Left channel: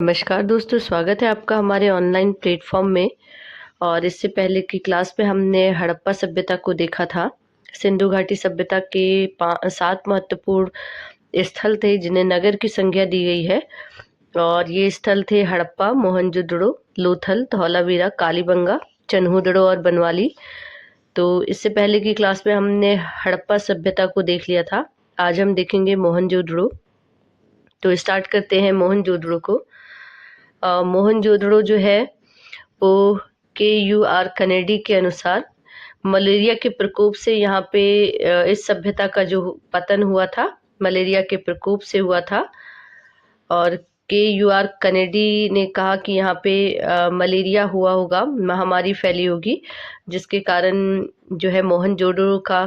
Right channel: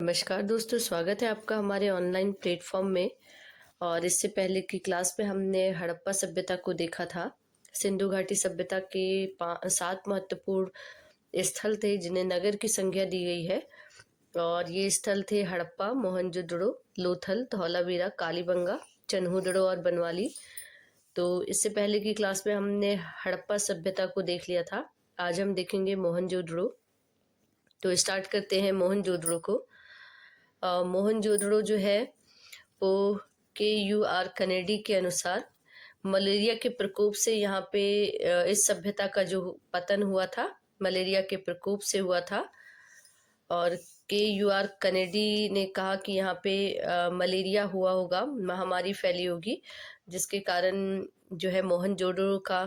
नमस्कार दोस्तों, स्वागत है आपका हमारे ऑनलाइन प्लेटफॉर्म में। और इससे पहले की क्लास में हमने हड़प्पा सभ्यता को देखा था। सिंधु घाटी सभ्यता के 7 महत्वपूर्ण स्थल थे जिन्हें नगर की संज्ञा दी गई है। और ये स्थल थे हड़प्पा, मोहनजोदड़ो, लोथल, धौलावीरा, कालीबंगा, चन्हूदड़ो और बनवाली। तो इससे पहले की क्लास में हमने हड़प्पा सभ्यता को देख लिया था। आज हम देखेंगे मोहनजोदड़ो। तो स्टार्ट करते हैं मोहनजोदड़ो को। मोहनजोदड़ो जो है वो KUR कनेडी के अनुसार मलेरिया के प्रकोप से यहाँ पे इस सभ्यता का जो पतन हुआ था मलेरिया के प्रकोप से हुआ था। और KUR कनेडी ने कहा कि यहाँ पे मलेरिया हुआ होगा, महामारी फैली होगी, जिसके कारण जो है मोहनजोदड़ो का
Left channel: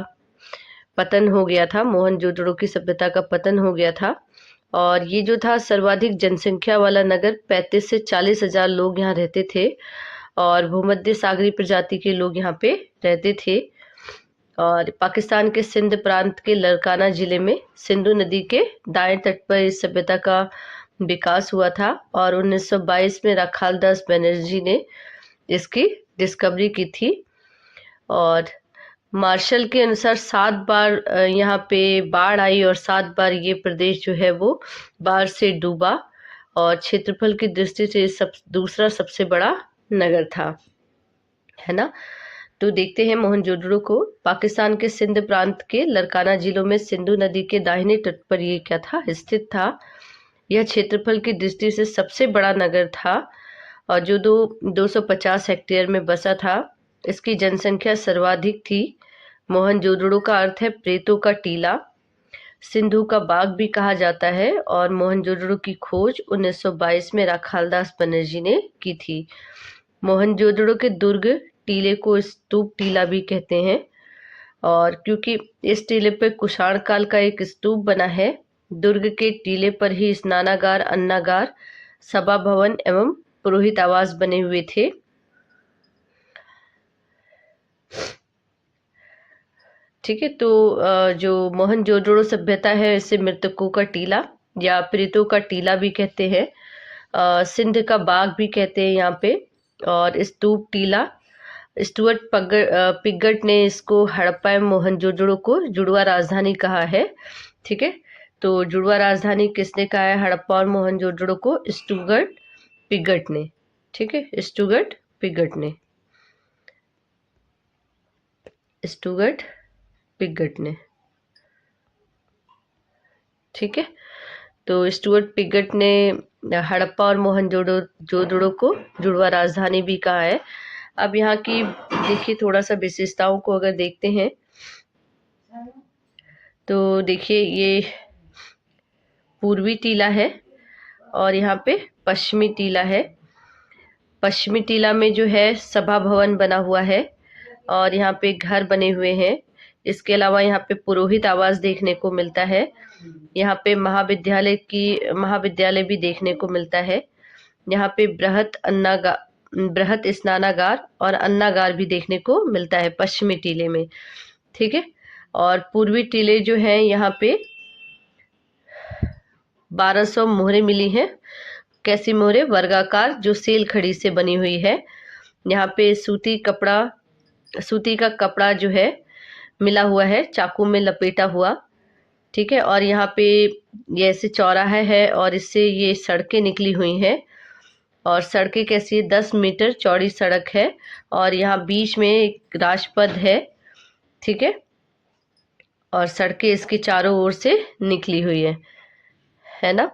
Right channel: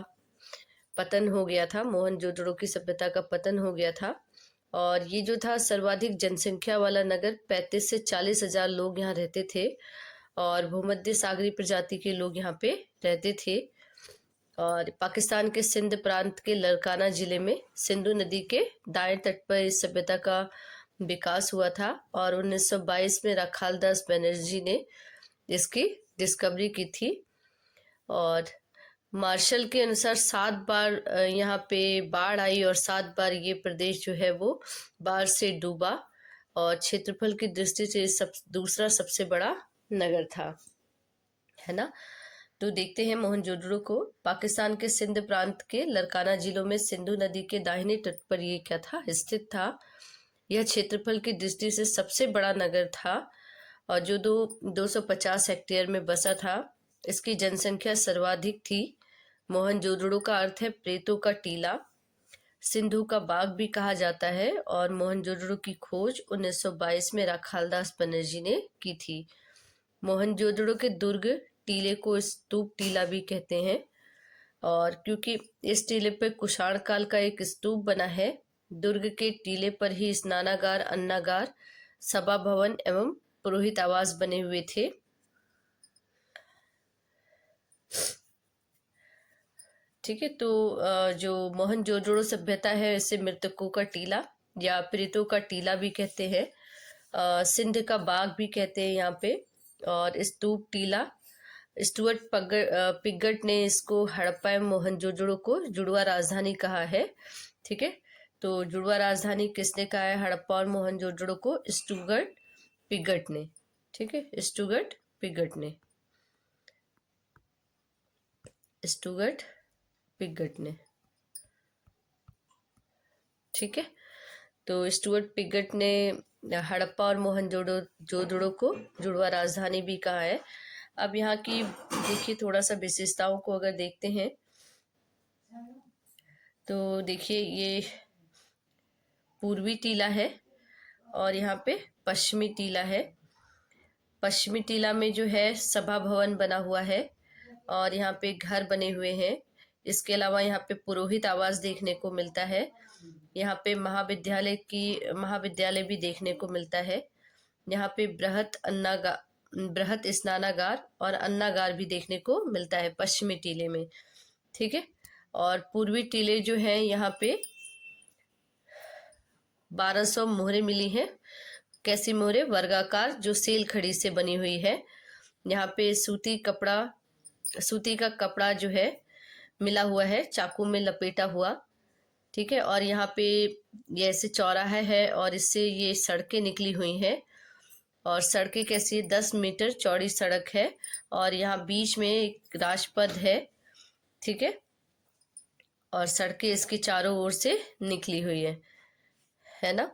पतन हो गया था, मोहनजोदड़ो की सभ्यता का पतन हो गया था। और ये जो था सर्वाधिक जनसंख्या वाला नगर, 35 से 40 हजार लोग यहाँ रहते थे और भूमध्य सागरीय प्रजाति के लोग यहाँ पे रहते थे। और पाकिस्तान के सिंध प्रांत के लरकाना जिले में सिंधु नदी के दाएं तट पर इस सभ्यता का विकास हुआ था। और 1922 में राखालदास बनर्जी ने इसकी डिस्कवरी की थी। और मार्शल के अनुसार 7 बार यहाँ पे बाढ़ आई और 7 बार ये प्रदेश जो है वो बाढ़ से डूबा। और क्षेत्रफल की दृष्टि से दूसरा सबसे बड़ा नगर था, है ना। तो देखते हैं मोहनजोदड़ो को। पाकिस्तान के सिंध प्रांत के लरकाना जिलों में सिंधु नदी के दाहिने तट पर ये क्या था, स्थित था। यह क्षेत्रफल की दृष्टि से सबसे बड़ा नगर था और जो 250 हेक्टेयर में बसा था। इसकी जनसंख्या सर्वाधिक थी। मोहनजोदड़ो का अर्थ है प्रेतों का टीला, सिंधु का बाग भी कहा जाता है। और मोहनजोदड़ो की खोज 1922 में राखालदास बनर्जी ने की थी। मोहनजोदड़ो के दुर्ग टीले को स्तूप टीला भी कहते हैं। और क्योंकि इस टीले पर कुषाण काल का एक स्तूप बना है, दुर्ग के टीले पर ही स्नानागार, अन्नागार, सभा भवन एवं पुरोहित आवास बने हुए थे। ठीक है, तो जो मोहनजोदड़ो सभ्यता है इसे मृतकों का टीला या प्रेतों का टीला भी कहते हैं। सिंध का बाग भी कहते हैं यहाँ पे। और स्तूप टीला, स्टुअर्ट पिगट ने इसको हड़प्पा एवं मोहनजोदड़ो को जुड़वा राजधानी कहा है। ठीक है, तो जुड़वा राजधानी किसने कहा है हड़प्पा और मोहनजोदड़ो को? स्टुअर्ट पिगट ने। ठीक है, स्टुअर्ट पिगट ने, स्टुअर्ट पिगट ने। ठीक है, तो स्टुअर्ट पिगट ने हड़प्पा और मोहनजोदड़ो को जुड़वा राजधानी भी कहा है। अब यहाँ की देखिए थोड़ा सा विशेषताओं को अगर देखते हैं तो देखिए ये पूर्वी टीला है और यहाँ पे पश्चिमी टीला है। पश्चिमी टीला में जो है सभा भवन बना हुआ है और यहाँ पे घर बने हुए हैं। इसके अलावा यहाँ पे पुरोहित आवास देखने को मिलता है। यहाँ पे महाविद्यालय भी देखने को मिलता है। यहाँ पे बृहत स्नानागार और अन्नागार भी देखने को मिलता है पश्चिमी टीले में। ठीक है, और पूर्वी टीले जो हैं यहाँ पे 1200 मोहरें मिली हैं। कैसी मोहरें? वर्गाकार, जो सेल खड़ी से बनी हुई है। यहाँ पे सूती का कपड़ा जो है मिला हुआ है, चाकू में लपेटा हुआ। ठीक है, और यहाँ पे ये ऐसे चौराहा है और इससे ये सड़कें निकली हुई हैं। और सड़कें कैसी है? 10 मीटर चौड़ी सड़क है और यहाँ बीच में एक राजपथ है। ठीक है, और सड़कें इसके चारों ओर से निकली हुई है ना।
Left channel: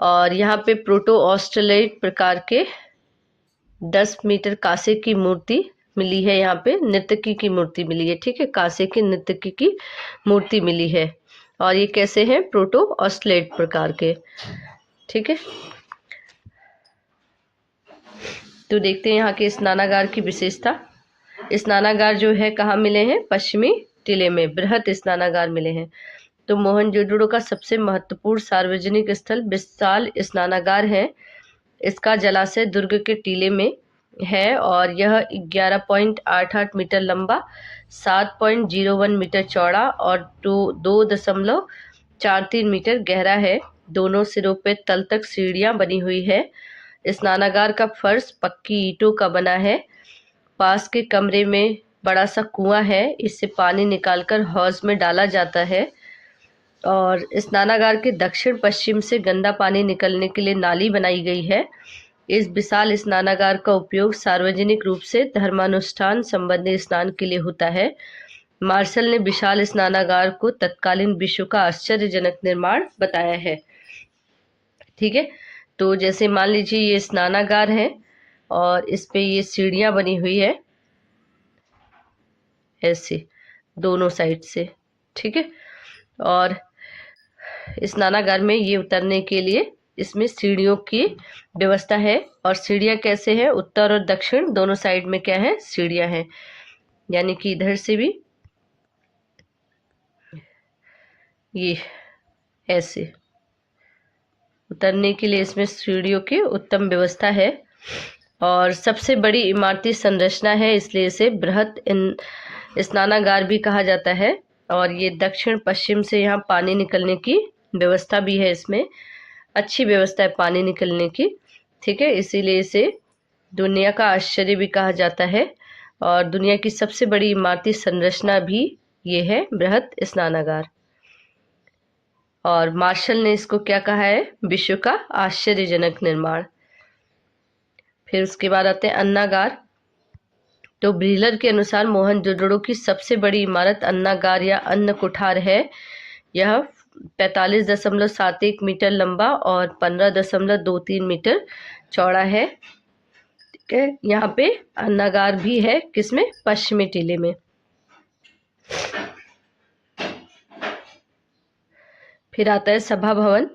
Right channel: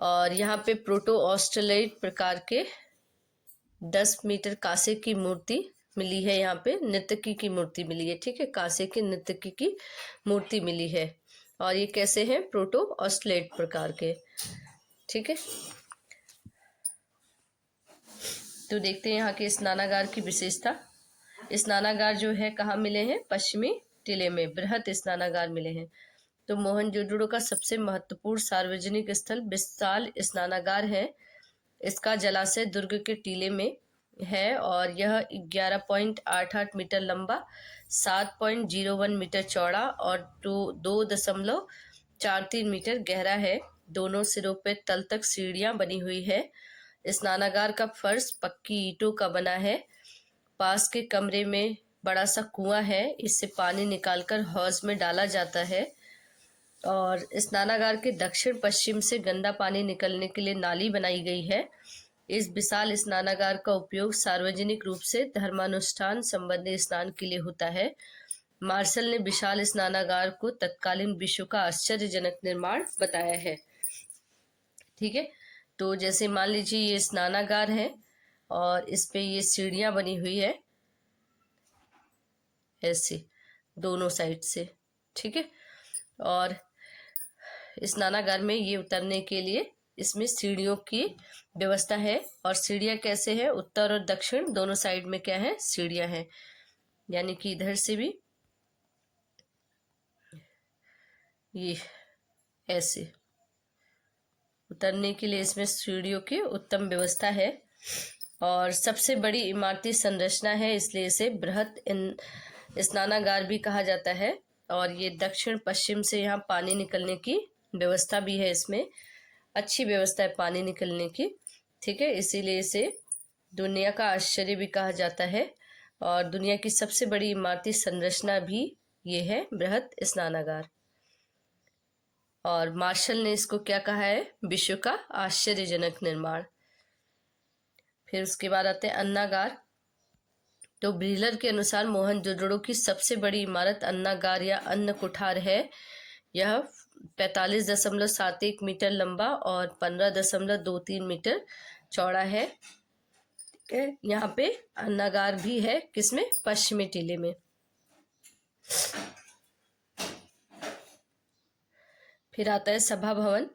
और यहाँ पे प्रोटो ऑस्ट्रेलाइट प्रकार के 10 मीटर कांसे की मूर्ति मिली है। यहाँ पे नर्तकी की मूर्ति मिली है। ठीक है, कांसे की नर्तकी की मूर्ति मिली है और ये कैसे हैं? प्रोटो ऑस्ट्रेलाइट प्रकार के। ठीक है, तो देखते हैं यहाँ के स्नानागार की विशेषता। स्नानागार जो है कहाँ मिले हैं? पश्चिमी टीले में बृहत स्नानागार मिले हैं। तो मोहनजोदड़ो का सबसे महत्वपूर्ण सार्वजनिक स्थल विशाल स्नानागार है। इसका जलाशय दुर्ग के टीले में है और यह 11.88 मीटर लंबा, 7.01 मीटर चौड़ा और 2.43 मीटर गहरा है। दोनों सिरों पे तल तक सीढ़ियां बनी हुई है। स्नानागार का फर्श पक्की ईंटों का बना है। पास के कमरे में बड़ा सा कुआं है, इससे पानी निकालकर हौज में डाला जाता है। और स्नानागार के दक्षिण पश्चिम से गंदा पानी निकलने के लिए नाली बनाई गई है। इस विशाल स्नानागार का उपयोग सार्वजनिक रूप से धर्मानुष्ठान संबंधी स्नान के लिए होता है। मार्शल ने विशाल स्नानागार को तत्कालीन विश्व का आश्चर्यजनक निर्माण बताया है। ठीक है, तो जैसे मान लीजिए ये स्नानागार है और इस पे ये सीढ़ियां बनी हुई है ऐसे दोनों साइड से। ठीक है, और स्नानागार में ये उतरने के लिए इसमें सीढ़ियों की व्यवस्था है। और सीढ़ियाँ कैसे हैं, उत्तर और दक्षिण दोनों साइड में क्या है, सीढ़ियाँ हैं। यानी कि इधर से भी ये ऐसे उतरने के लिए इसमें सीढ़ियों की उत्तम व्यवस्था है। और सबसे बड़ी इमारती संरचना है, इसलिए इसे बृहत स्नानागार भी कहा जाता है। और ये दक्षिण पश्चिम से यहाँ पानी निकलने की व्यवस्था भी है, इसमें अच्छी व्यवस्था है पानी निकलने की। ठीक है, इसीलिए इसे दुनिया का आश्चर्य भी कहा जाता है। और दुनिया की सबसे बड़ी इमारती संरचना भी ये है, बृहत स्नानागार। और मार्शल ने इसको क्या कहा है, विश्व का आश्चर्यजनक निर्माण। फिर उसके बाद आते हैं अन्नागार। तो ब्रीलर के अनुसार मोहनजोदड़ो की सबसे बड़ी इमारत अन्नागार या अन्न कुठार है। यह 45.71 मीटर लंबा और 15.23 मीटर चौड़ा है। ठीक है, यहाँ पे अन्नागार भी है, किसमें, पश्चिमी टीले में। फिर आता है सभा भवन।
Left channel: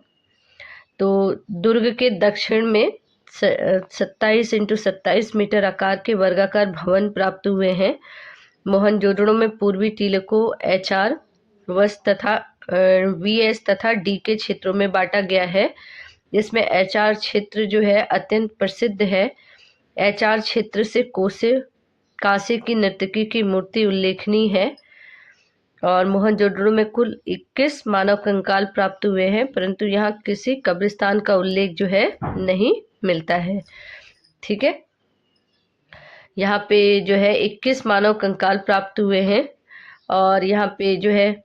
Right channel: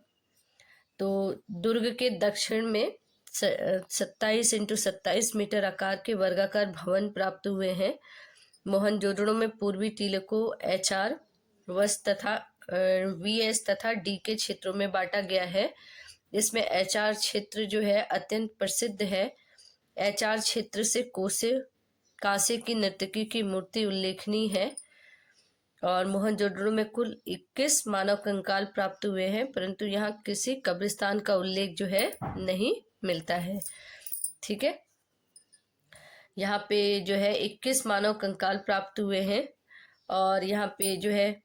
तो दुर्ग के दक्षिण में 27x27 मीटर आकार के वर्गाकार भवन प्राप्त हुए हैं। मोहनजोदड़ो में पूर्वी टीले को HR, वस तथा VS तथा D के क्षेत्रों में बांटा गया है। इसमें HR क्षेत्र जो है अत्यंत प्रसिद्ध है। HR क्षेत्र से कांसे की नर्तकी की मूर्ति उल्लेखनीय है। और मोहनजोदड़ो में कुल 21 मानव कंकाल प्राप्त हुए हैं, परंतु यहाँ किसी कब्रिस्तान का उल्लेख जो है नहीं मिलता है। ठीक है, यहाँ पे जो है 21 मानव कंकाल प्राप्त हुए हैं। और यहाँ पे जो है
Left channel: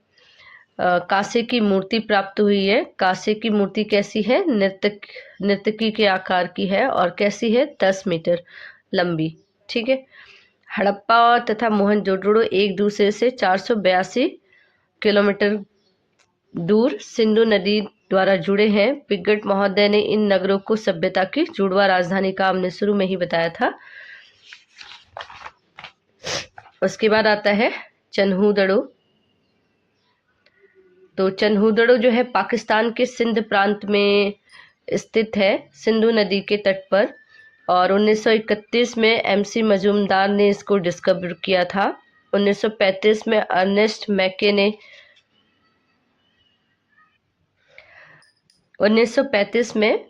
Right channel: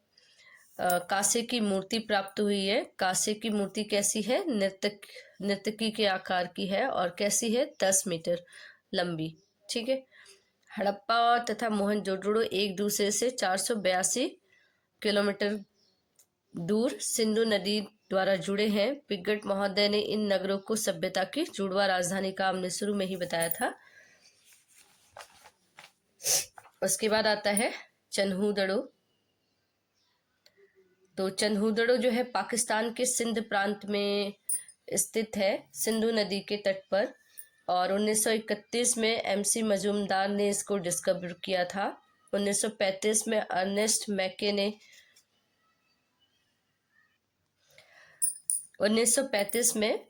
कांसे की मूर्ति प्राप्त हुई है। कांसे की मूर्ति कैसी है, नर्तकी के आकार की है और कैसी है, 10 मीटर लंबी। ठीक है, हड़प्पा तथा मोहनजोदड़ो एक दूसरे से 482 किलोमीटर दूर सिंधु नदी द्वारा जुड़े हैं। पिगट महोदय ने इन नगरों को सभ्यता की जुड़वा राजधानी का हमने शुरू में ही बताया था। उसके बाद आता है चन्हूदड़ो। तो चन्हूदड़ो जो है पाकिस्तान के सिंध प्रांत में स्थित है, सिंधु नदी के तट पर। और 1931 में MC मजूमदार ने इसको डिस्कवर किया था। 1935 में अर्नेस्ट मैके ने 1935 में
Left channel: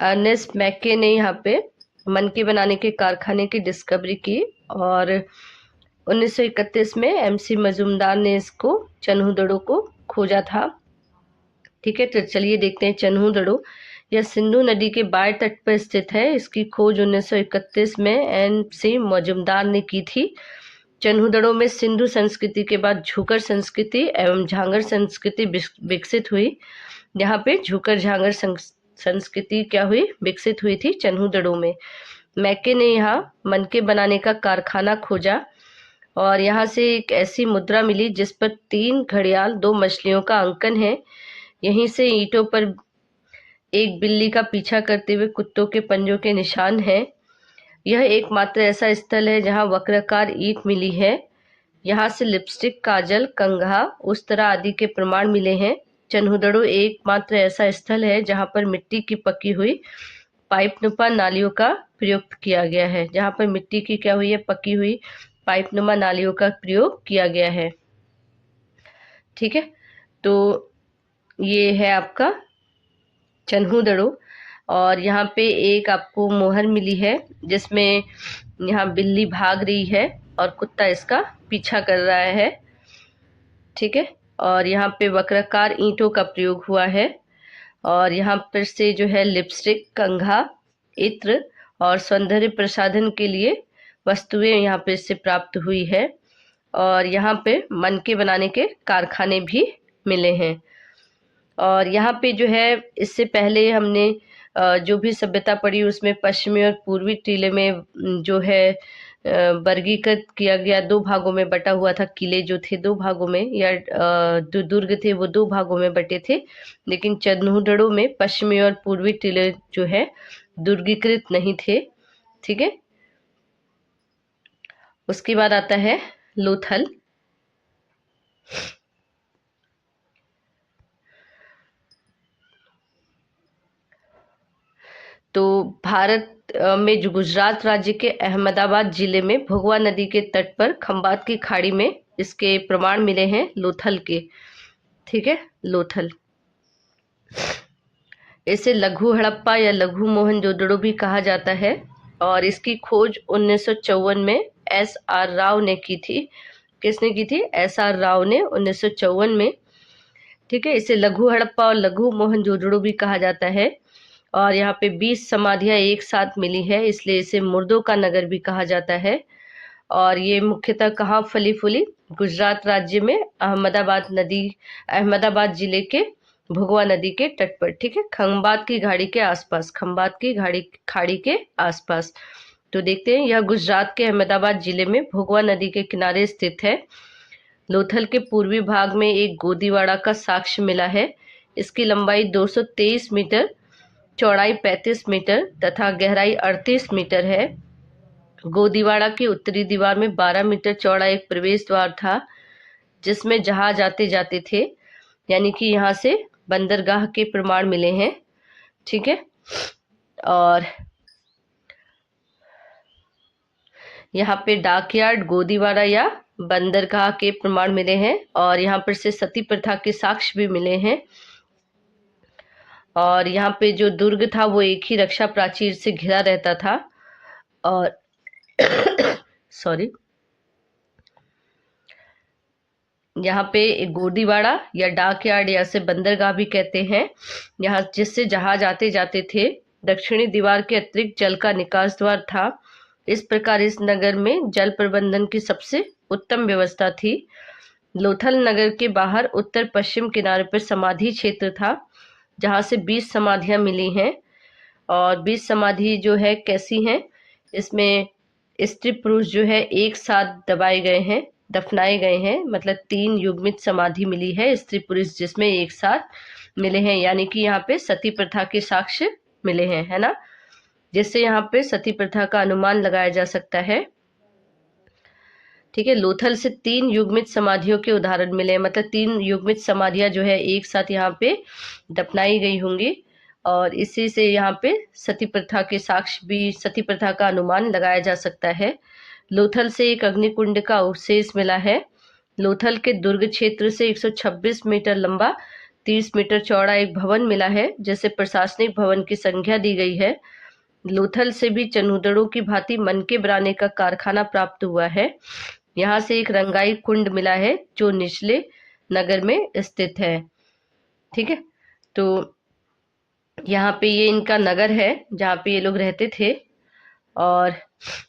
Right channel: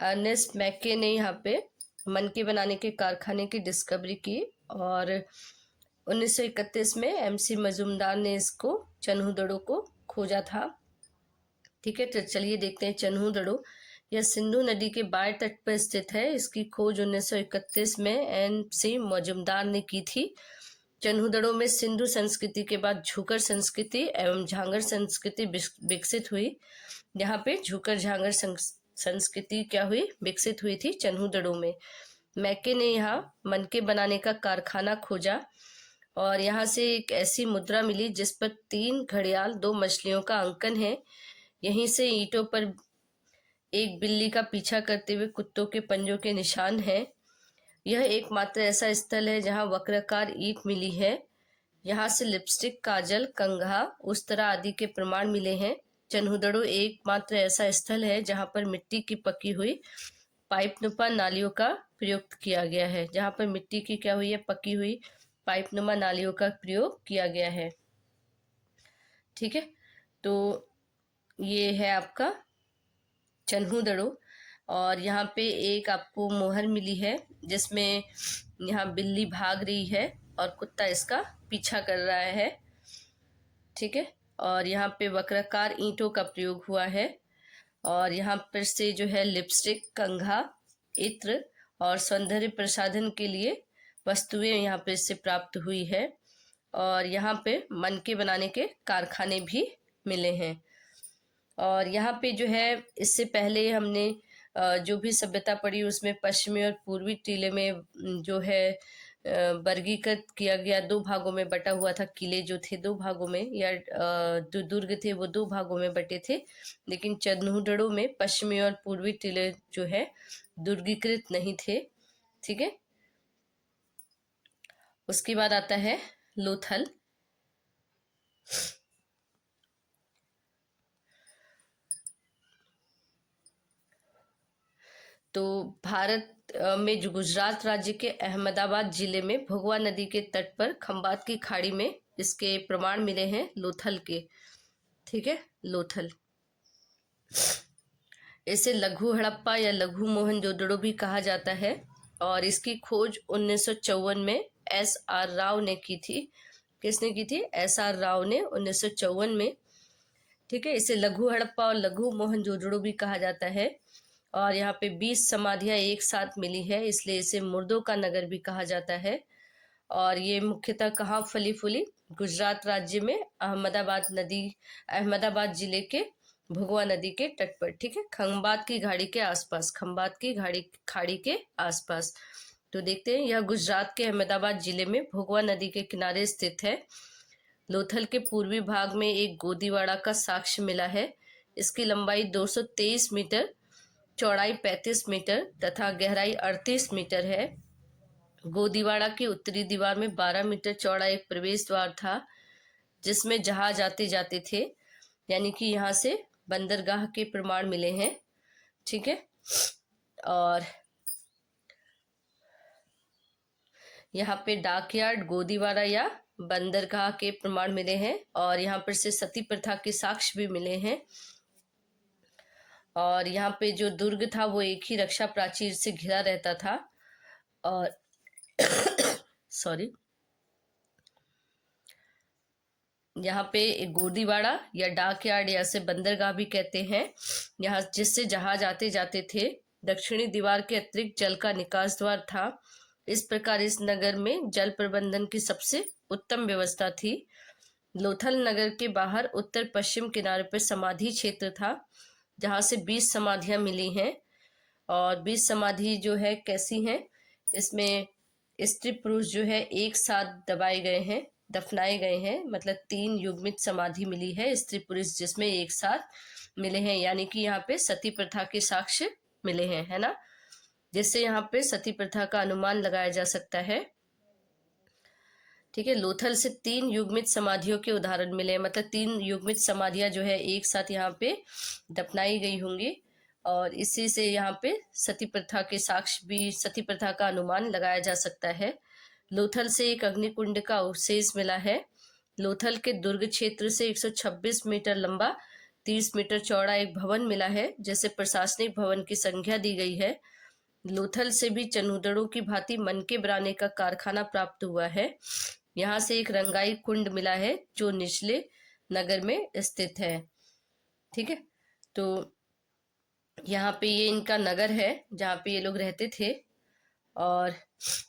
अर्नेस्ट मैके ने यहाँ पे मनके बनाने के कारखाने की डिस्कवरी की। और 1931 में MC मजूमदार ने इसको चन्हूदड़ो को खोजा था। ठीक है, तो चलिए देखते हैं चन्हूदड़ो। यह सिंधु नदी के बाएं तट पर स्थित है। इसकी खोज 1931 में MC मजूमदार ने की थी। चन्हूदड़ो में सिंधु संस्कृति के बाद झूकर संस्कृति एवं झांगर संस्कृति विकसित हुई। यहाँ पे झूकर झांगर संस्कृति क्या हुई, विकसित हुई थी चन्हूदड़ो में। मैके ने यहाँ मनके बनाने का कारखाना खोजा और यहाँ से एक ऐसी मुद्रा मिली जिस पर 3 घड़ियाल 2 मछलियों का अंकन है। यहीं से ईंटों पर एक बिल्ली का पीछा करते हुए कुत्तों के पंजों के निशान हैं। यह एकमात्र ऐसा स्थल है जहाँ वक्राकार ईंट मिली है। यहाँ से लिपस्टिक, काजल, कंघा, उस्तरा आदि के प्रमाण मिले हैं। चन्हूदड़ो एकमात्र ऐसा स्थल है जहाँ पर मिट्टी की पकी हुई पाइपनुमा नालियों का प्रयोग किया गया है। जहाँ पर मिट्टी की क्या हुई है, पकी हुई पाइपनुमा नालियों का प्रयोग किया गया है। ठीक है, तो ये है आपका चन्हूदड़ो। और यहाँ पे एक आपको मोहर मिली है जिसमें यहाँ बिल्ली भाग रही है और कुत्ता इसका पीछा कर रहा है। ठीक है, और यहाँ पे वक्राकार ईंटों का प्रयोग हुआ है। और यहाँ पर से जो है लिपस्टिक, कंघा, इत्र और सौंदर्य प्रसाधन के लिए वस्तुएं यहाँ पे इससे प्राप्त हुई है। और यहाँ पे मनके बनाने के कारखाने भी मिले हैं। और यहाँ पे जो है इससे पहले हमने जो भी सभ्यता पढ़ी उसमें पश्चिमी और पूर्वी टीले में जो है वर्गीकृत किया गया, दो भागों में बटा हुआ था। किले जो थे दो भागों में, या जो दुर्ग थे वो दो भागों में बटे थे, लेकिन चंदूड़ों में पश्चिमी और पूर्वी टीले जो है दुर्गीकृत नहीं थे। ठीक है, उसके बाद आता है लोथल। तो भारत में जो गुजरात राज्य के अहमदाबाद जिले में भगवा नदी के तट पर खंबात की खाड़ी में इसके प्रमाण मिले हैं लोथल के। ठीक है, लोथल। इसे लघु हड़प्पा या लघु मोहनजोदड़ो भी कहा जाता है और इसकी खोज 1954 में एस आर राव ने की थी। किसने की थी? एस आर राव ने 1954 में। ठीक है, इसे लघु हड़प्पा और लघु मोहनजोदड़ो भी कहा जाता है। और यहाँ पे 20 समाधियां एक साथ मिली है, इसलिए इसे मुर्दों का नगर भी कहा जाता है। और ये मुख्यतः कहाँ फली फूली? गुजरात राज्य में अहमदाबाद जिले के भगवा नदी के तट पर। ठीक है, खंबात की खाड़ी के आसपास, खंबात की खाड़ी के आसपास। तो देखते हैं, यह गुजरात के अहमदाबाद जिले में भगवा नदी के किनारे स्थित है। लोथल के पूर्वी भाग में एक गोदीवाड़ा का साक्ष्य मिला है। इसकी लंबाई 223 मीटर, चौड़ाई 35 मीटर तथा गहराई 38 मीटर है। गोदीवाड़ा की उत्तरी दीवार में 12 मीटर चौड़ा एक प्रवेश द्वार था जिसमें जहाज आते जाते थे, यानी कि यहाँ से बंदरगाह के प्रमाण मिले हैं। ठीक है, और यहाँ पे डाकयार्ड, गोदीवाड़ा या बंदरगाह के प्रमाण मिले हैं। और यहाँ पर से सती प्रथा के साक्ष्य भी मिले हैं। और यहाँ पे जो दुर्ग था वो एक ही रक्षा प्राचीर से घिरा रहता था। और सॉरी, यहाँ पे एक गोदीवाड़ा या डाकयार्ड या से बंदरगाह भी कहते हैं, यहाँ जिससे जहाज आते जाते थे। दक्षिणी दीवार के अतिरिक्त जल का निकास द्वार था। इस प्रकार इस नगर में जल प्रबंधन की सबसे उत्तम व्यवस्था थी। लोथल नगर के बाहर उत्तर पश्चिम किनारे पर समाधि क्षेत्र था जहाँ से 20 समाधियां मिली हैं। और 20 समाधि जो है कैसी हैं? इसमें स्त्री पुरुष जो है एक साथ दफनाए गए हैं, मतलब 3 युग्मित समाधि मिली है स्त्री पुरुष जिसमें एक साथ मिले हैं, यानी कि यहाँ पे सती प्रथा के साक्ष्य मिले हैं, है ना, जिससे यहाँ पे सती प्रथा का अनुमान लगाया जा सकता है। ठीक है, लोथल से 3 युग्मित समाधियों के उदाहरण मिले हैं, मतलब 3 युग्मित समाधियां जो है एक साथ यहाँ पे दफनाई गई होंगी और इसी से यहाँ पे सती प्रथा के साक्ष्य भी, सती प्रथा का अनुमान लगाया जा सकता है। लोथल से एक अग्निकुंड का अवशेष मिला है। लोथल के दुर्ग क्षेत्र से 126 मीटर लंबा, 30 मीटर चौड़ा एक भवन मिला है जिसे प्रशासनिक भवन की संख्या दी गई है। लोथल से भी चनूदड़ों की भांति मनके बनाने का कारखाना प्राप्त हुआ है। यहाँ से एक रंगाई कुंड मिला है जो निचले नगर में स्थित है। ठीक है, तो यहाँ पे ये इनका नगर है जहाँ पे ये लोग रहते थे। और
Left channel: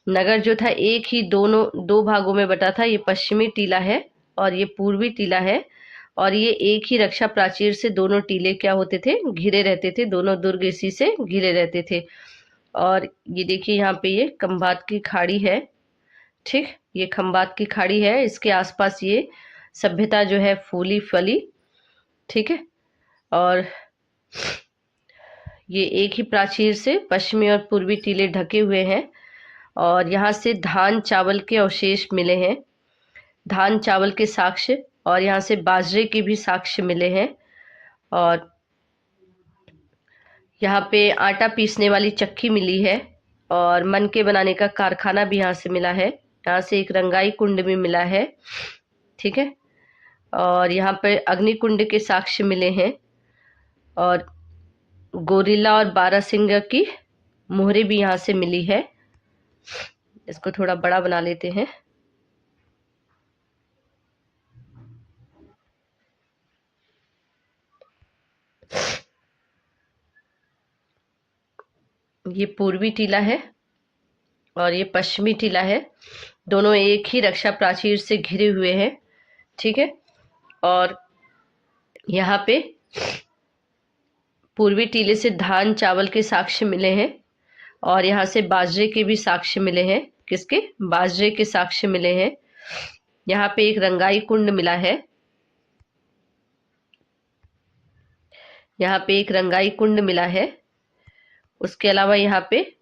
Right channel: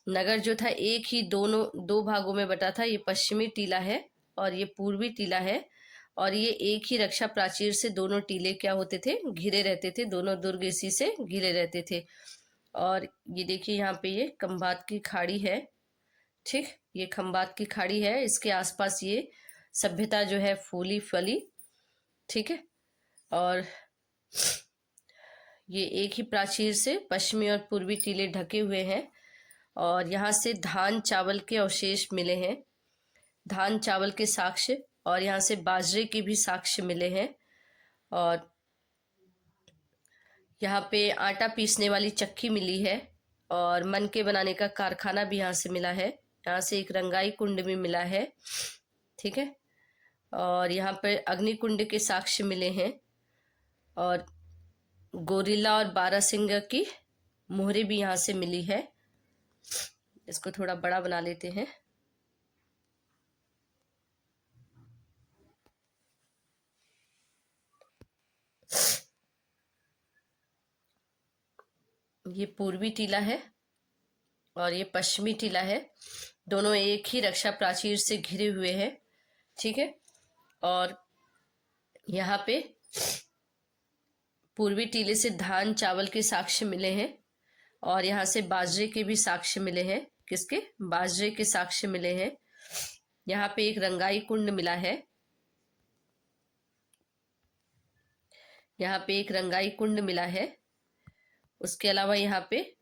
नगर जो था एक ही दो भागों में बटा था। ये पश्चिमी टीला है और ये पूर्वी टीला है। और ये एक ही रक्षा प्राचीर से दोनों टीले क्या होते थे? घिरे रहते थे। दोनों दुर्ग इसी से घिरे रहते थे। और ये देखिए यहाँ पे ये खंबात की खाड़ी है। ठीक, ये खंबात की खाड़ी है, इसके आसपास ये सभ्यता जो है फूली फली। ठीक है, और ये एक ही प्राचीर से पश्चिमी और पूर्वी टीले ढके हुए हैं। और यहाँ से धान चावल के अवशेष मिले हैं, धान चावल के साक्ष्य, और यहाँ से बाजरे के भी साक्ष्य मिले हैं। और यहाँ पे आटा पीसने वाली चक्की मिली है और मनके बनाने का कारखाना भी यहाँ से मिला है। यहाँ से एक रंगाई कुंड भी मिला है। ठीक है, और यहाँ पर अग्निकुंड के साक्ष्य मिले हैं। और गोरिल्ला और बारहसिंगा की मोहरें भी यहाँ से मिली है। इसको थोड़ा बड़ा बना लेते हैं। ये पूर्वी टीला है और ये पश्चिमी टीला है। दोनों एक ही रक्षा प्राचीर से घिरे हुए हैं, ठीक है। और यहाँ पे पूर्वी टीले से धान चावल के साक्ष्य मिले हैं और यहाँ से बाजरे के भी साक्ष्य मिले हैं। किसके? बाजरे के साक्ष्य मिले हैं। यहाँ पे एक रंगाई कुंड मिला है। यहाँ पे एक रंगाई कुंड मिला है। उसके अलावा यहाँ पे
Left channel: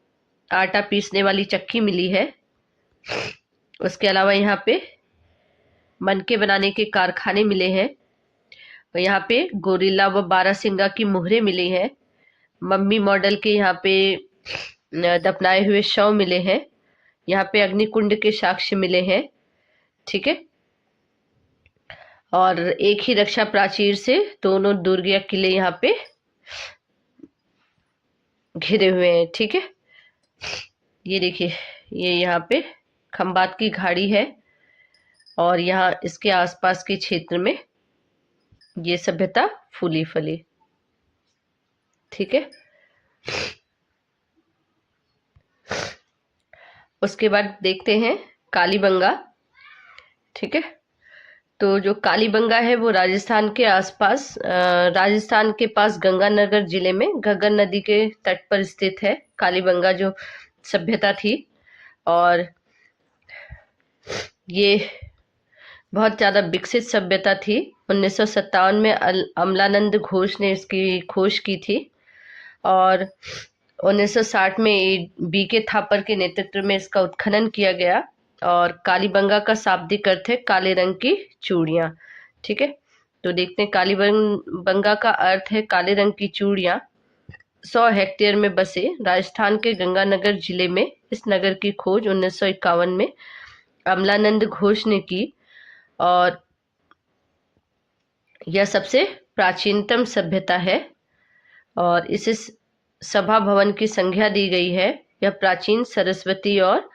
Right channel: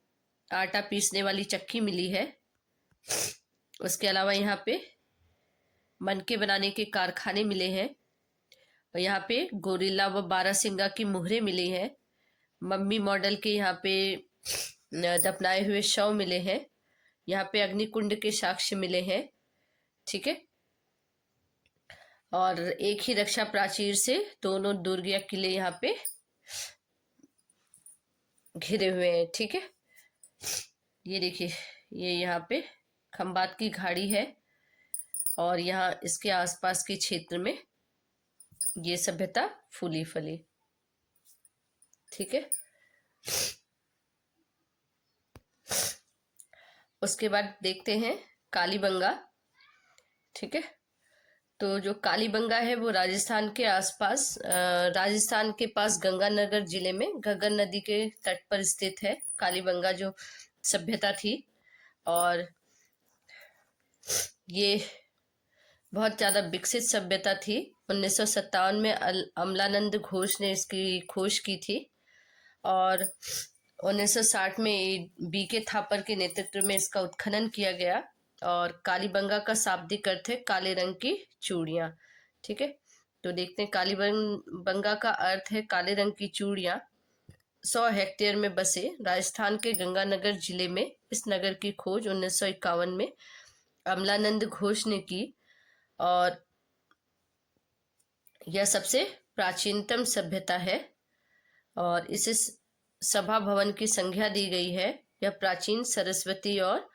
आटा पीसने वाली चक्की मिली है। उसके अलावा यहाँ पे मनके बनाने के कारखाने मिले हैं। यहाँ पे गोरिल्ला व बारहसिंगा की मुहरें मिली हैं। मम्मी मॉडल के यहाँ पे दफनाए हुए शव मिले हैं। यहाँ पे अग्निकुंड के साक्ष्य मिले हैं, ठीक है। और एक ही रक्षा प्राचीर से दोनों दुर्ग या किले यहाँ पे घिरे हुए हैं, ठीक है। ये देखिए, ये यहाँ पे खंबात की घाड़ी है और यहाँ इसके आसपास के क्षेत्र में ये सभ्यता फूली फली, ठीक है। उसके बाद देखते हैं कालीबंगा, ठीक है। तो जो कालीबंगा है वो राजस्थान के आसपास, राजस्थान के पास गंगानगर जिले में घग्गर नदी के तट पर स्थित है कालीबंगा जो सभ्यता थी। और ये बहुत ज़्यादा विकसित सभ्यता थी। 1957 में अमलानंद घोष ने इसकी खोज की थी और 1960 में बीके थापर के नेतृत्व में इसका उत्खनन किया गया। और कालीबंगा का शाब्दिक अर्थ है काले रंग की चूड़ियाँ, ठीक है। तो देखते हैं, कालीबंगा का अर्थ है काले रंग की चूड़ियाँ। 100 हेक्टेयर में बसे राजस्थान के गंगानगर जिले में इस नगर की खोज 1951 में अमलानंद घोष ने की और यह सबसे प्राचीनतम सभ्यता है और इसे सभा भवन की संज्ञा दी गई है। यह प्राचीन सरस्वती और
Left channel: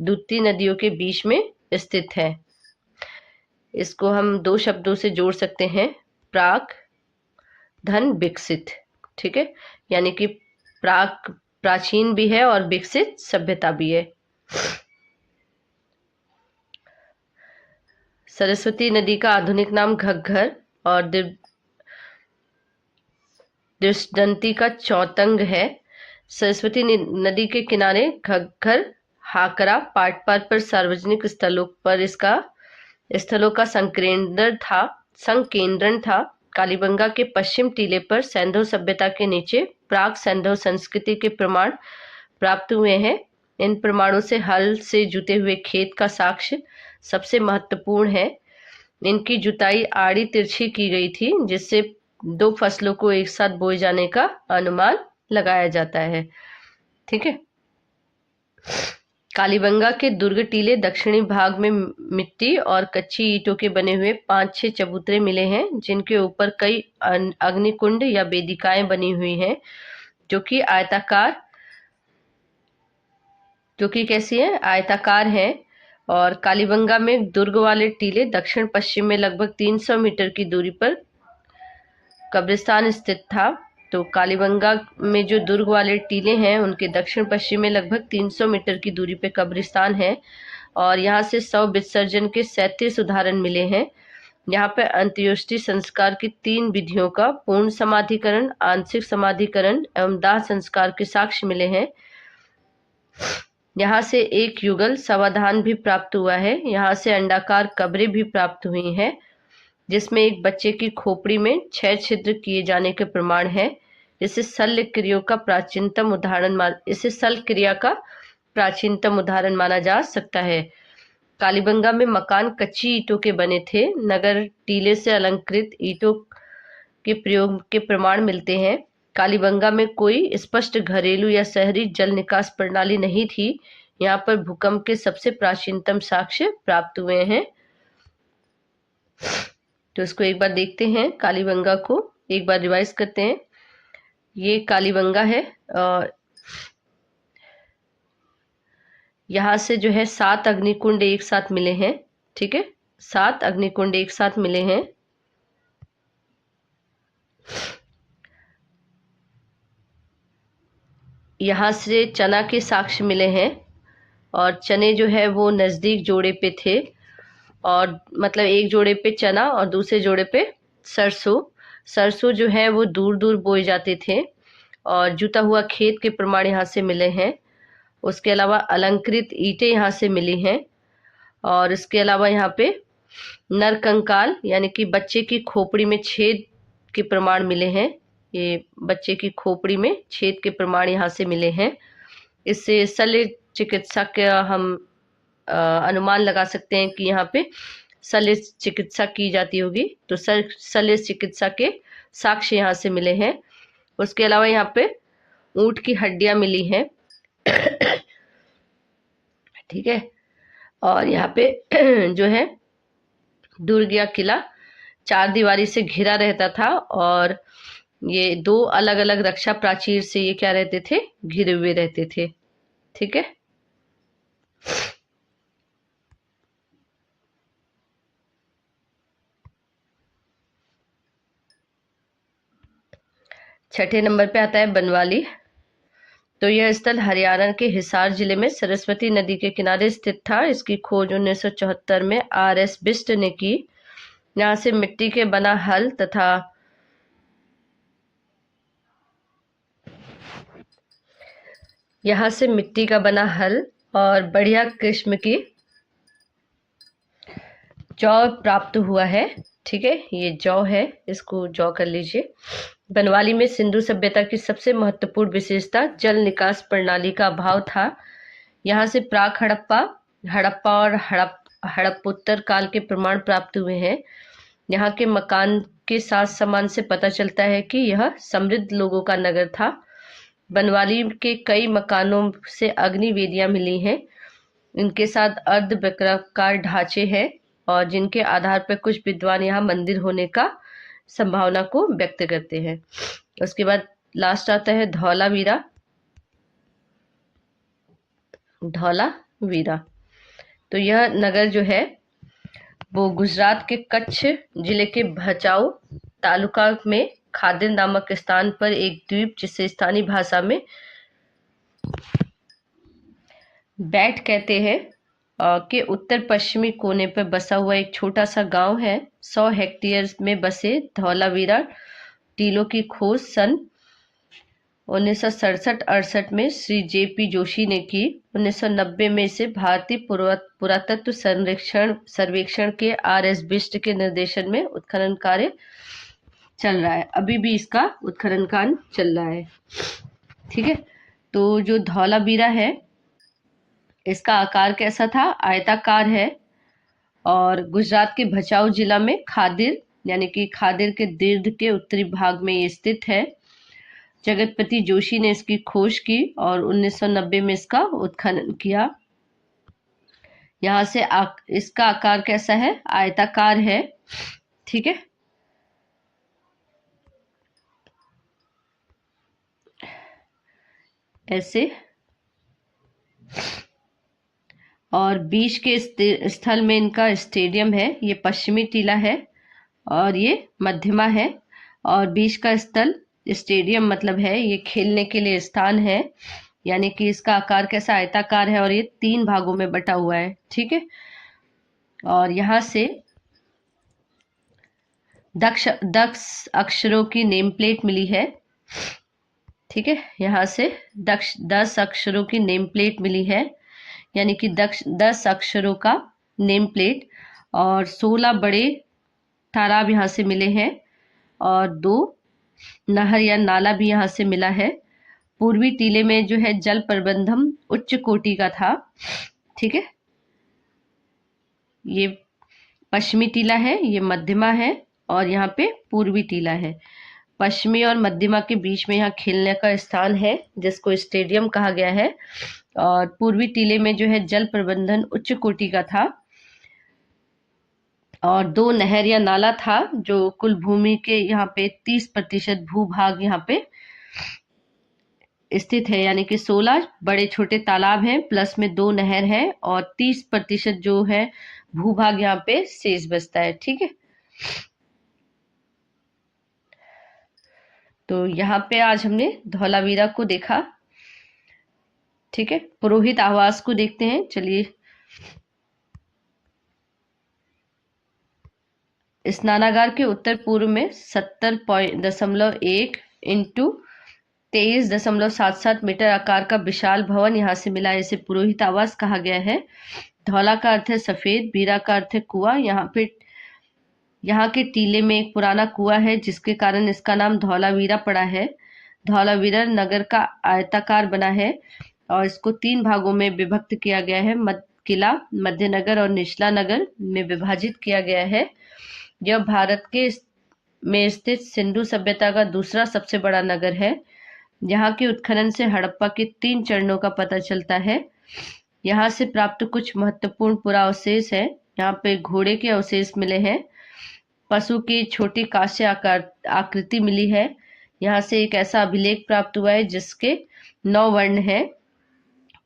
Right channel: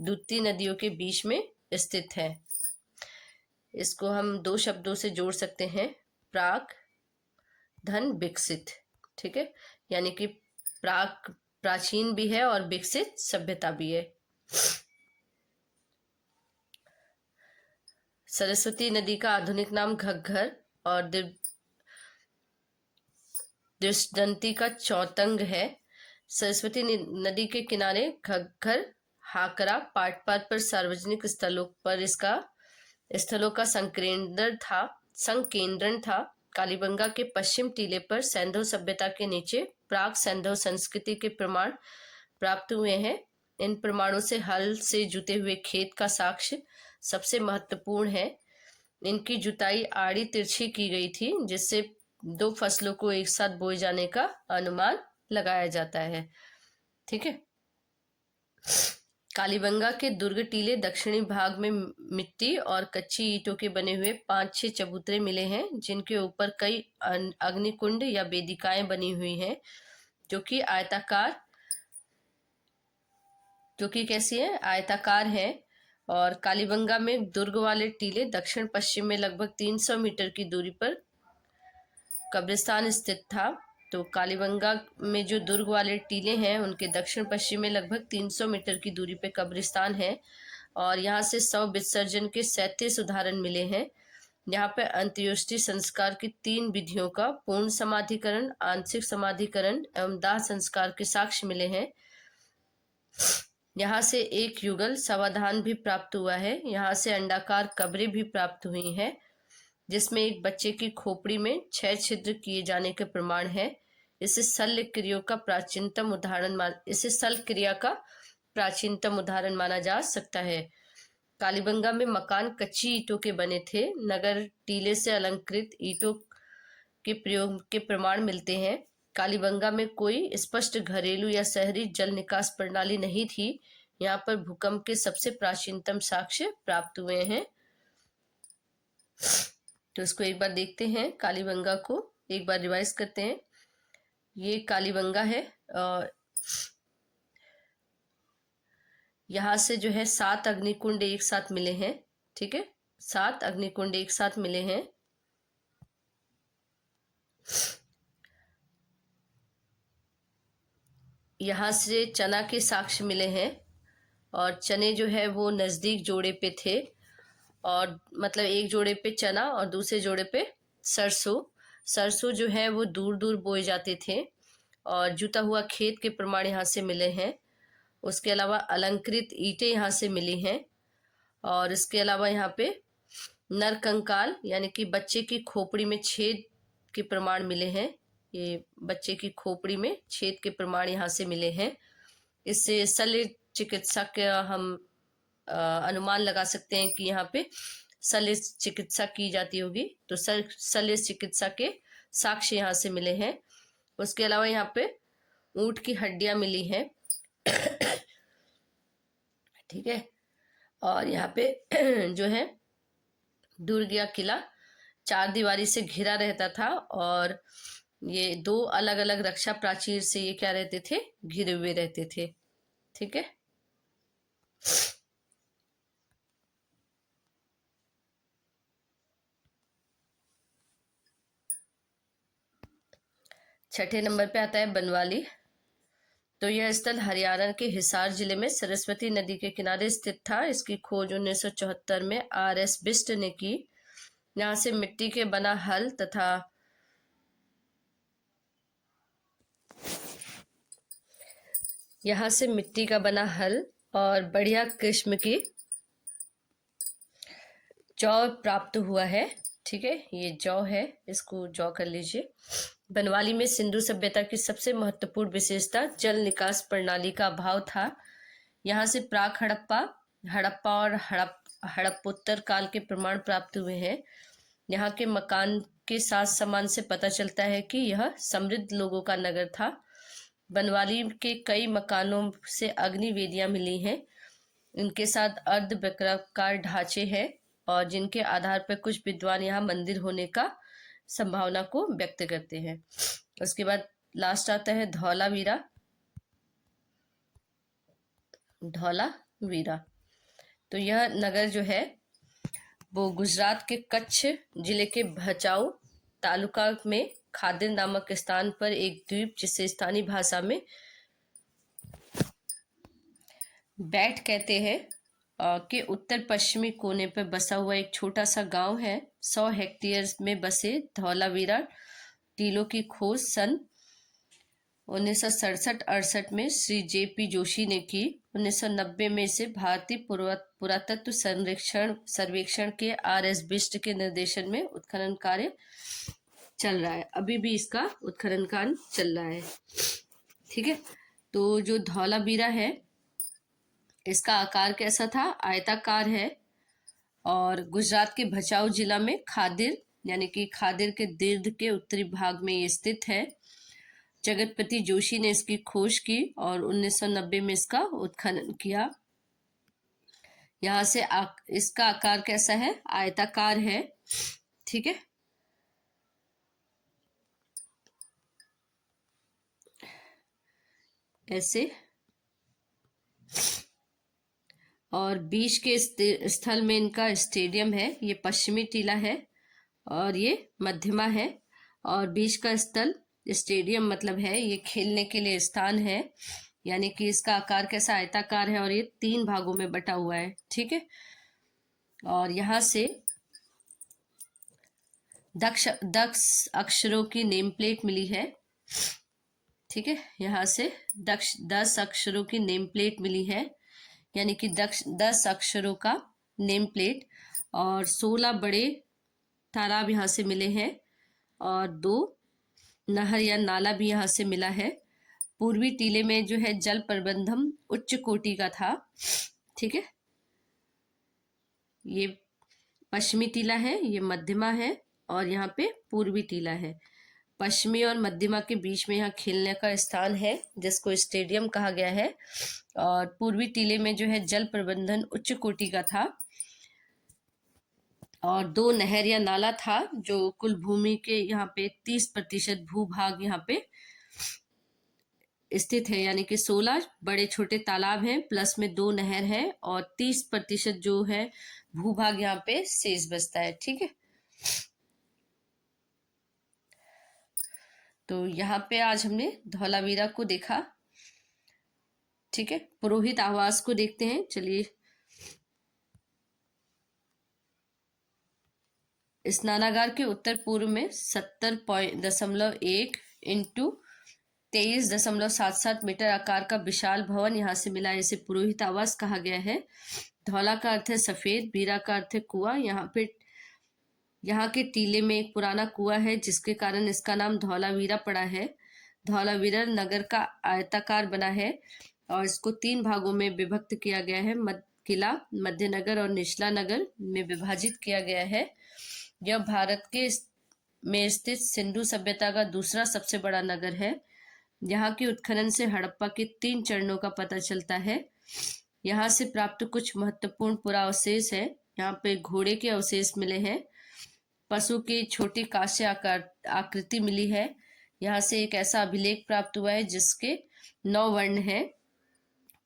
दूती नदियों के बीच में स्थित है। इसको हम दो शब्दों से जोड़ सकते हैं, प्राक धन विकसित, ठीक है। यानी कि प्राक प्राचीन भी है और विकसित सभ्यता भी है। सरस्वती नदी का आधुनिक नाम घग्घर और दृष्टदंती का चौतंग है। सरस्वती नदी के किनारे घग्घर, हाकरा, पाटपार पर सार्वजनिक स्थलों का संकेंद्रण था। कालीबंगा के पश्चिम टीले पर सैंधव सभ्यता के नीचे प्राक सैंधव संस्कृति के प्रमाण प्राप्त हुए हैं। इन प्रमाणों से हल से जुते हुए खेत का साक्ष्य सबसे महत्वपूर्ण है। इनकी जुताई आड़ी तिरछी की गई थी जिससे 2 फसलों को एक साथ बोए जाने का अनुमान लगाया जाता है, ठीक है। कालीबंगा के दुर्ग टीले दक्षिणी भाग में मिट्टी और कच्ची ईंटों के बने हुए 5-6 चबूतरे मिले हैं जिनके ऊपर कई अग्निकुंड या वेदिकाएं बनी हुई हैं जो कि कैसी है, आयताकार हैं। और कालीबंगा में दुर्ग वाले टीले दक्षिण पश्चिम में लगभग 300 मीटर की दूरी पर कब्रिस्तान स्थित था। तो कालीबंगा में जो दुर्ग वाले टीले हैं उनके दक्षिण पश्चिम में लगभग 300 मीटर की दूरी पे कब्रिस्तान है और यहाँ से शव विसर्जन के 37 उदाहरण मिले हैं। यहाँ पर अंत्येष्टि संस्कार की 3 विधियों का पूर्ण समाधिकरण, आंशिक समाधिकरण एवं दाह संस्कार के साक्ष्य मिले हैं। यहाँ से एक युगल समाधान भी प्राप्त हुआ है। यहाँ से अंडाकार कब्रें भी प्राप्त हुई हैं जिसमें एक बच्चे की खोपड़ी में 6 छिद्र किए जाने के प्रमाण हैं। इसे शल्य क्रिया का प्राचीनतम उदाहरण माना जा सकता है। कालीबंगा में मकान कच्ची ईंटों के बने थे। नगर टीले से अलंकृत ईंटों के प्रयोग के प्रमाण मिलते हैं। कालीबंगा में कोई स्पष्ट घरेलू या शहरी जल निकास प्रणाली नहीं थी। यहाँ पर भूकंप के सबसे प्राचीनतम साक्ष्य प्राप्त हुए हैं। तो इसको एक बार देखते हैं, कालीबंगा को एक बार रिवाइज करते हैं। ये कालीबंगा है और यहाँ से जो है 7 अग्निकुंड एक साथ मिले हैं, ठीक है। 7 अग्निकुंड एक साथ मिले हैं। यहाँ से चना के साक्ष्य मिले हैं और चने जो है वो नज़दीक जोड़े पे थे, और मतलब एक जोड़े पे चना और दूसरे जोड़े पे सरसों। सरसों जो है वो दूर दूर बोए जाते थे, और जुता हुआ खेत के प्रमाण यहाँ से मिले हैं। उसके अलावा अलंकृत ईंटें यहाँ से मिली हैं, और इसके अलावा यहाँ पे नरकंकाल यानी कि बच्चे की खोपड़ी में छेद के प्रमाण मिले हैं। ये बच्चे की खोपड़ी में छेद के प्रमाण यहाँ से मिले हैं। इससे शल्य चिकित्सा का हम अनुमान लगा सकते हैं कि यहाँ पे शल्य चिकित्सा की जाती होगी, तो शल्य चिकित्सा के साक्ष्य यहाँ से मिले हैं। उसके अलावा यहाँ पे ऊंट की हड्डियां मिली हैं। ठीक है। और यहाँ पे जो है दुर्ग या किला 4 दीवारी से घिरा रहता था, और ये 2 अलग अलग रक्षा प्राचीर से ये क्या रहते थे, घिरे हुए रहते थे। ठीक है। छठे नंबर पे आता है बनवाली। तो यह स्थल हरियाणा के हिसार जिले में सरस्वती नदी के किनारे स्थित था। इसकी खोज 1974 में RS बिष्ट ने की। यहाँ से मिट्टी के बना हल तथा यहाँ से मिट्टी का बना हल और बढ़िया किस्म की जौ प्राप्त हुआ है। ठीक है, ये जौ है, इसको जौ कर लीजिए। बनवाली में सिंधु सभ्यता की सबसे महत्वपूर्ण विशेषता जल निकास प्रणाली का अभाव था। यहाँ से प्राक हड़प्पा हड़प्पा और हड़प्पोत्तर काल के प्रमाण प्राप्त हुए हैं। यहाँ के मकान के साथ सामान से पता चलता है कि यह समृद्ध लोगों का नगर था। बनवाली के कई मकानों से अग्नि वेदियां मिली हैं। इनके साथ अर्धवृत्ताकार ढांचे हैं, और जिनके आधार पर कुछ विद्वान यहाँ मंदिर होने का संभावना को व्यक्त करते हैं। उसके बाद लास्ट आता है धौलावीरा। धौलावीरा तो यह नगर जो है वो गुजरात के कच्छ जिले के भचाऊ तालुका में खादिर नामक स्थान पर एक द्वीप, जिसे स्थानीय भाषा में बैट कहते हैं, के उत्तर पश्चिमी कोने पर बसा हुआ एक छोटा सा गांव है। 100 हेक्टेयर में बसे धौलावीरा टीलों की खोज सन 1967-68 में श्री JP जोशी ने की। 1990 में इसे भारतीय पुरातत्व सर्वेक्षण के RS बिष्ट के निर्देशन में उत्खनन कार्य चल रहा है। अभी भी इसका उत्खनन कार्य चल रहा है। ठीक है। तो जो धौलावीरा है, इसका आकार कैसा था, आयताकार है, और गुजरात के भचाऊ जिला में खादिर यानी कि खादिर के दीर्घ के उत्तरी भाग में ये स्थित है। जगतपति जोशी ने इसकी खोज की और 1990 में इसका उत्खनन किया। यहाँ से इसका आकार कैसा है, आयताकार है। ठीक है। ऐसे, और बीच के स्थल में इनका स्टेडियम है। ये पश्चिमी टीला है और ये मध्यमा है, और बीच का स्थल स्टेडियम मतलब है ये खेलने के लिए स्थान है, यानी कि इसका आकार कैसा, आयताकार है, और ये 3 भागों में बटा हुआ है। ठीक है। और यहाँ से दक्ष अक्षरों की नेम प्लेट मिली है। ठीक है। यहाँ से 10 अक्षरों की नेम प्लेट मिली है, यानी कि 10 अक्षरों का नेम प्लेट, और 16 बड़े तालाब यहाँ से मिले हैं, और 2 नहर या नाला भी यहाँ से मिला है। पूर्वी टीले में जो है जल प्रबंधन उच्च कोटि का था। ठीक है। ये पश्चिमी टीला है, ये मध्यमा है, और यहाँ पे पूर्वी टीला है। पश्चिमी और मध्यमा के बीच में यहाँ खेलने का स्थान है, जिसको स्टेडियम कहा गया है। और पूर्वी टीले में जो है जल प्रबंधन उच्च कोटि का था, और 2 नहर या नाला था, जो कुल भूमि के यहाँ पे 30% भूभाग यहाँ पे स्थित है, यानी कि 16 बड़े छोटे तालाब हैं, प्लस में 2 नहर है, और 30% जो है भूभाग यहाँ पे शेष बचता है। ठीक है। तो यहाँ पे आज हमने धौलावीरा को देखा। ठीक है, पुरोहित आवास को देखते हैं। चलिए, स्नानागार के उत्तर पूर्व में 70.1 इंटू 23.77 मीटर आकार का विशाल भवन यहाँ से मिला है। इसे पुरोहित आवास कहा गया है। धौला का अर्थ है सफेद, बीरा का अर्थ है कुआं। यहाँ के टीले में एक पुराना कुआं है, जिसके कारण इसका नाम धौलावीरा पड़ा है। धौलावीरा नगर का आयताकार बना है और इसको 3 भागों में विभक्त किया गया है। किला, मध्य नगर और निचला नगर में विभाजित किया गया है। यह भारत के में स्थित सिंधु सभ्यता का दूसरा सबसे बड़ा नगर है। यहाँ के उत्खनन से हड़प्पा के 3 चरणों का पता चलता है। यहाँ से प्राप्त कुछ महत्वपूर्ण पुरावशेष है। यहाँ पे घोड़े के अवशेष मिले हैं। पशु की छोटी कांस्य आकृति मिली है। यहाँ से एक ऐसा अभिलेख प्राप्त हुआ है जिसके 9 वर्ण हैं।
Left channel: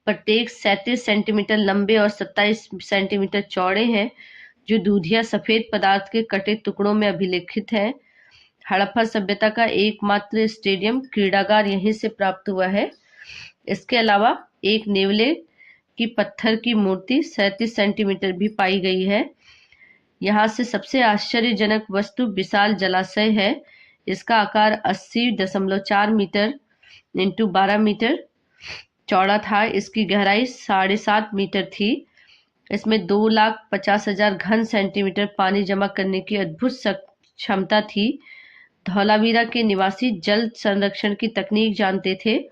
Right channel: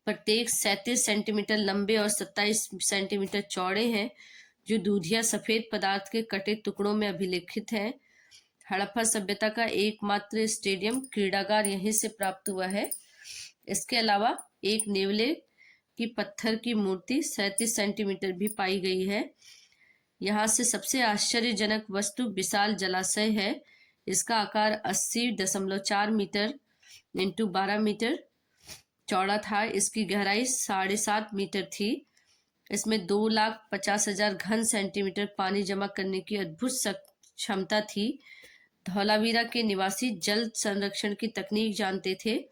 प्रत्येक 37 सेंटीमीटर लंबे और 27 सेंटीमीटर चौड़े हैं, जो दूधिया सफेद पदार्थ के कटे टुकड़ों में अभिलेखित है। हड़प्पा सभ्यता का एकमात्र स्टेडियम क्रीड़ागार यहीं से प्राप्त हुआ है। इसके अलावा एक नेवले की पत्थर की मूर्ति 37 सेंटीमीटर भी पाई गई है। यहाँ से सबसे आश्चर्यजनक वस्तु विशाल जलाशय है। इसका आकार 80.4 मीटर इंटू 12 मीटर चौड़ा था। इसकी गहराई 7.5 मीटर थी। इसमें 2,50,000 घन सेंटीमीटर पानी जमा करने की अद्भुत क्षमता थी। धौलावीरा के निवासी जल संरक्षण की तकनीक जानते थे।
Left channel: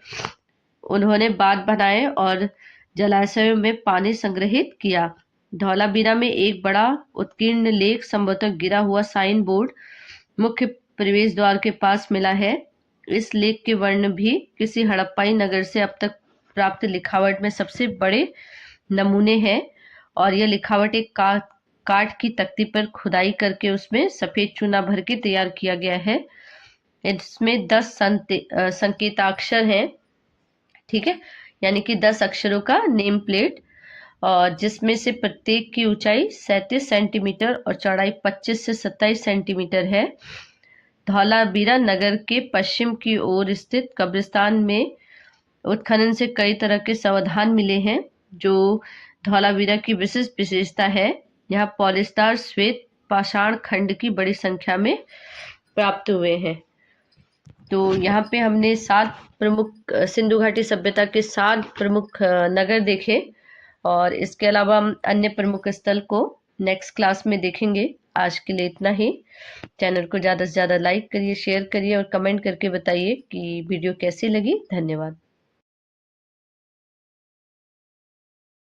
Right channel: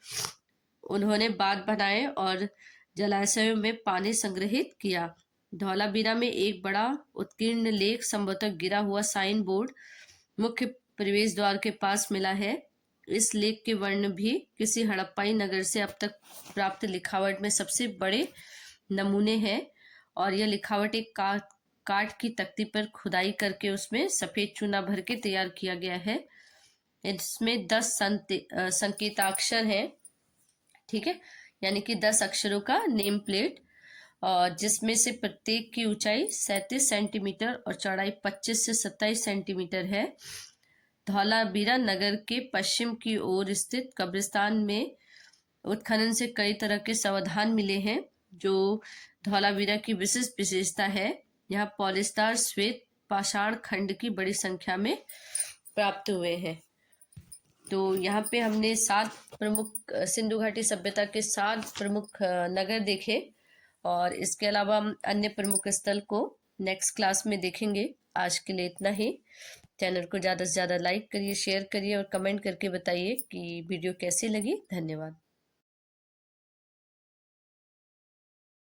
उन्होंने बांध बनाए और जलाशयों में पानी संग्रहित किया। धौलावीरा में एक बड़ा उत्कीर्ण लेख, संभवतः गिरा हुआ साइन बोर्ड, मुख्य प्रवेश द्वार के पास मिला है। इस लेख के वर्ण भी किसी हड़प्पाई नगर से अब तक प्राप्त लिखावट में सबसे बड़े नमूने हैं। और यह लिखावट एक काठ की तख्ती पर खुदाई करके उसमें सफेद चूना भर के तैयार किया गया है। इसमें 10 संकेताक्षर हैं, ठीक है, यानी कि 10 अक्षरों का नेम प्लेट, और जिसमें से प्रत्येक की ऊंचाई 37 सेंटीमीटर और चौड़ाई 25 से 27 सेंटीमीटर है। धौलावीरा नगर के पश्चिम की ओर स्थित कब्रिस्तान में उत्खनन से कई तरह के समाधान मिले हैं, जो धौलावीरा की विशिष्ट विशेषता है। यहाँ पॉलिस्टार श्वेत पाषाण खंड की बड़ी संख्या में प्राप्त हुए हैं। तो यहाँ पे हमने 7 प्रमुख सिंधु घाटी सभ्यता के 7 प्रमुख नगर देखे, और इसके अलावा हम अन्य प्रमुख स्थल को नेक्स्ट क्लास में देखेंगे। आज के लिए इतना ही। चैनल को ज़्यादा से ज़्यादा लाइक करिए, शेयर करिए और कमेंट करके बताइए कि वीडियो कैसी लगी। धन्यवाद।